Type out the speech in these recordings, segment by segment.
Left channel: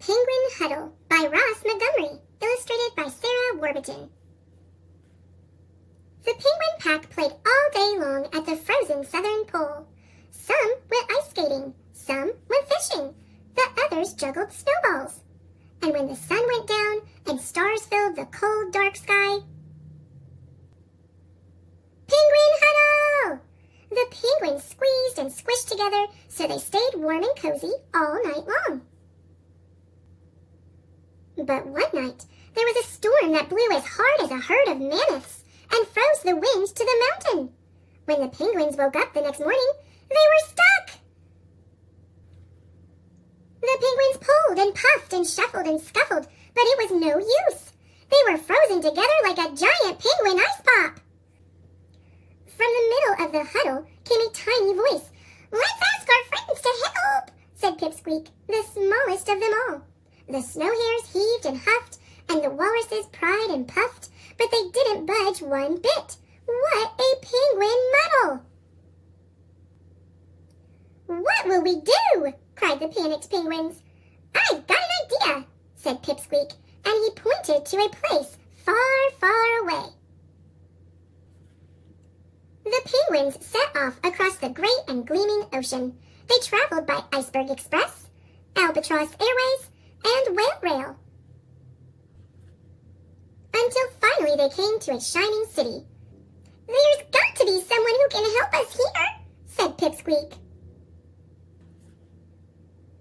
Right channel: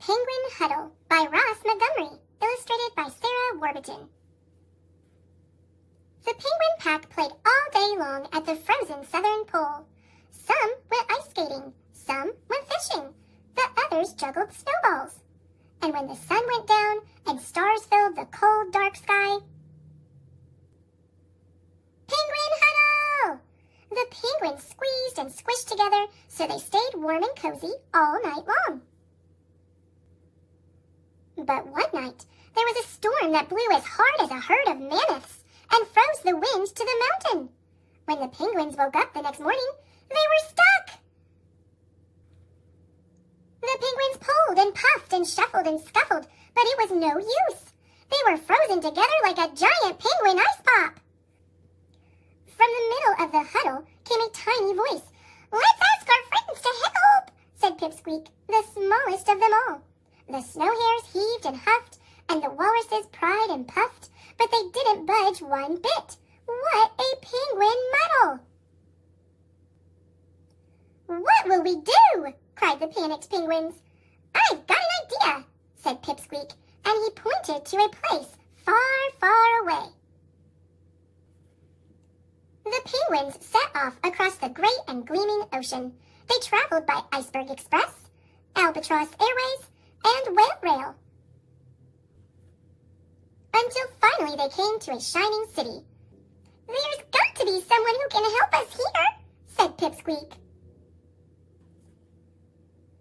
Penguin Huddle by Ross Montgomery, illustrated by Sarah Warburton. The penguin pack played all day long at the frozen southern pole. Some went ice skating, some went fishing, the others juggled snowballs. And when the sun went down and stars filled the cold, dark sky, Penguin Huddle! The penguins squeezed and squished together so they stayed warm and cozy all night long. But one night, there was a storm that blew as hard as a herd of mammoths and froze the wind to the mountain. When the penguins woke up the next morning, they were stuck. The penguins pulled and puffed and shuffled and scuffled, but it was no use. They were frozen together like a giant penguin ice pop. From the middle of the huddle came a tiny voice. "Let's ask our friends to help," said Pipsqueak, the smallest of them all. The snow hares heaved and huffed, and the walruses pried and puffed, but they didn't budge one bit. What a penguin muddle! "What will we do?" cried the panicked penguins. "I've got an idea," said Pipsqueak, and he pointed to a place far, far away. The penguins set off across the great and gleaming ocean. They traveled by Iceberg Express, Albatross Airways, and Whale Rail, until finally they came to a shining city. "There's got to be someone who can help us here," said Pipsqueak.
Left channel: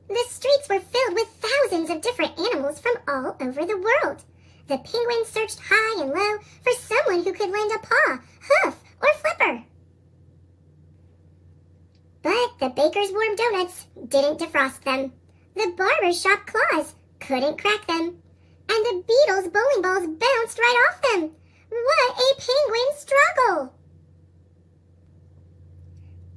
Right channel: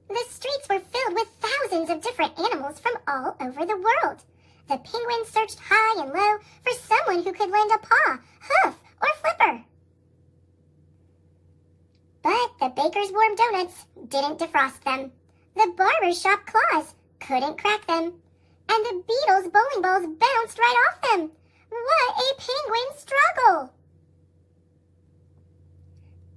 The streets were filled with thousands of different animals from all over the world. The penguins searched high and low for someone who could lend a paw, hoof, or flipper. But the baker's warm donuts didn't defrost them. The barber's shop claws couldn't crack them. And the beetle's bowling balls bounced right off them. What a penguin struggle!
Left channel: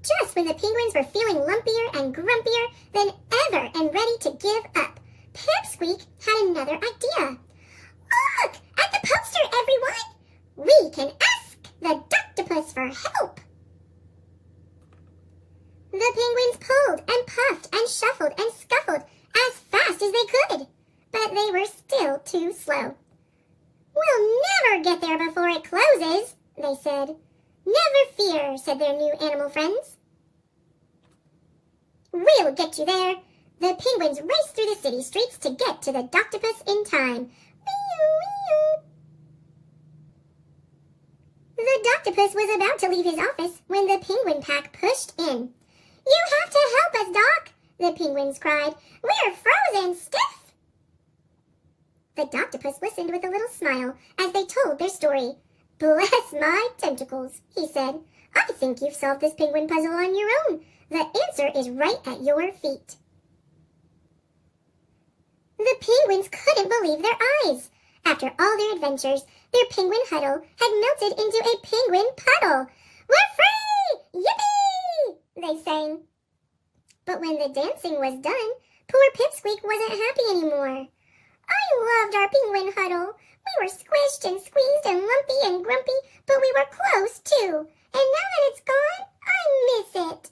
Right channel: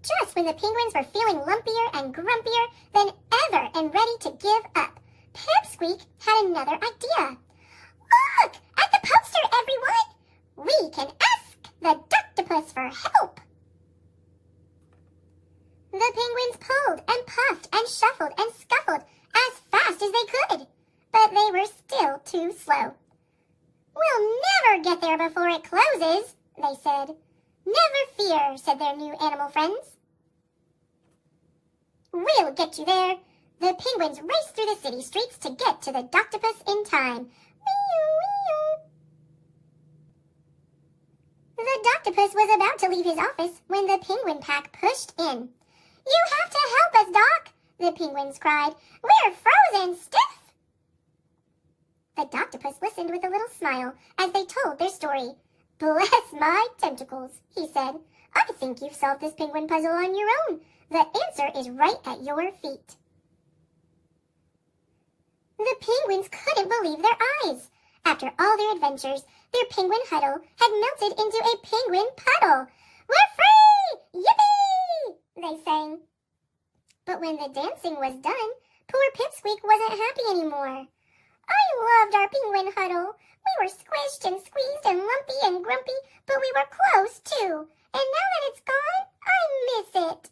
Just when the penguins were feeling lumpier and grumpier than ever and ready to give up, Pipsqueak had another idea. "Look at the poster, everyone! We can ask the Doctopus for help!" The penguins pulled and puffed and shuffled and scuffled as fast as they could, but they were still too slow. "We'll never get there before it closes," they said. "Never fear," said their new animal friends. "We'll get you there." The penguins raced through the city streets to get to the Doctopus in time. The Doctopus was about to leave his office when the penguin pack pushed in. "You have to help us, Doc," the penguins cried. "We're frozen stiff." The Doctopus listened with a little smile as they told their story. "Bless my tentacles," he said. "I think you've solved this penguin puzzle on your own. The answer is right at your feet." The penguins couldn't believe their eyes. After all their adventures, their penguin huddle had melted into a penguin puddle. "We're free! Yippee!" they sang. But when the dancing was done, poor Pipsqueak wasn't happy anymore. "I loved our penguin huddle. We were squished and squeezed and lumpy and grumpy, but we were close too. And now that it's gone, I miss it."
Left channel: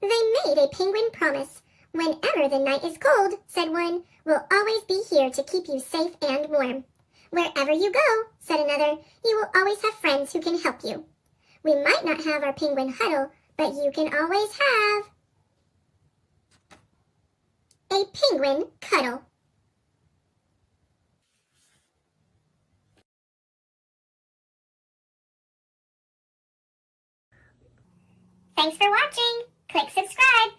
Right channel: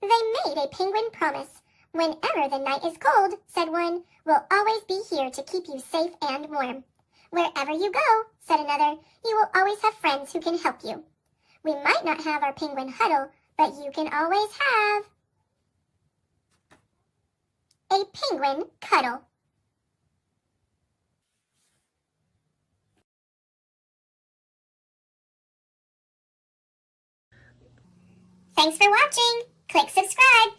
They made a penguin promise. "Whenever the night is cold," said one, "we'll always be here to keep you safe and warm." "Wherever you go," said another, "you will always have friends who can help you. We might not have our penguin huddle, but you can always have a penguin cuddle." Thanks for watching. Click subscribe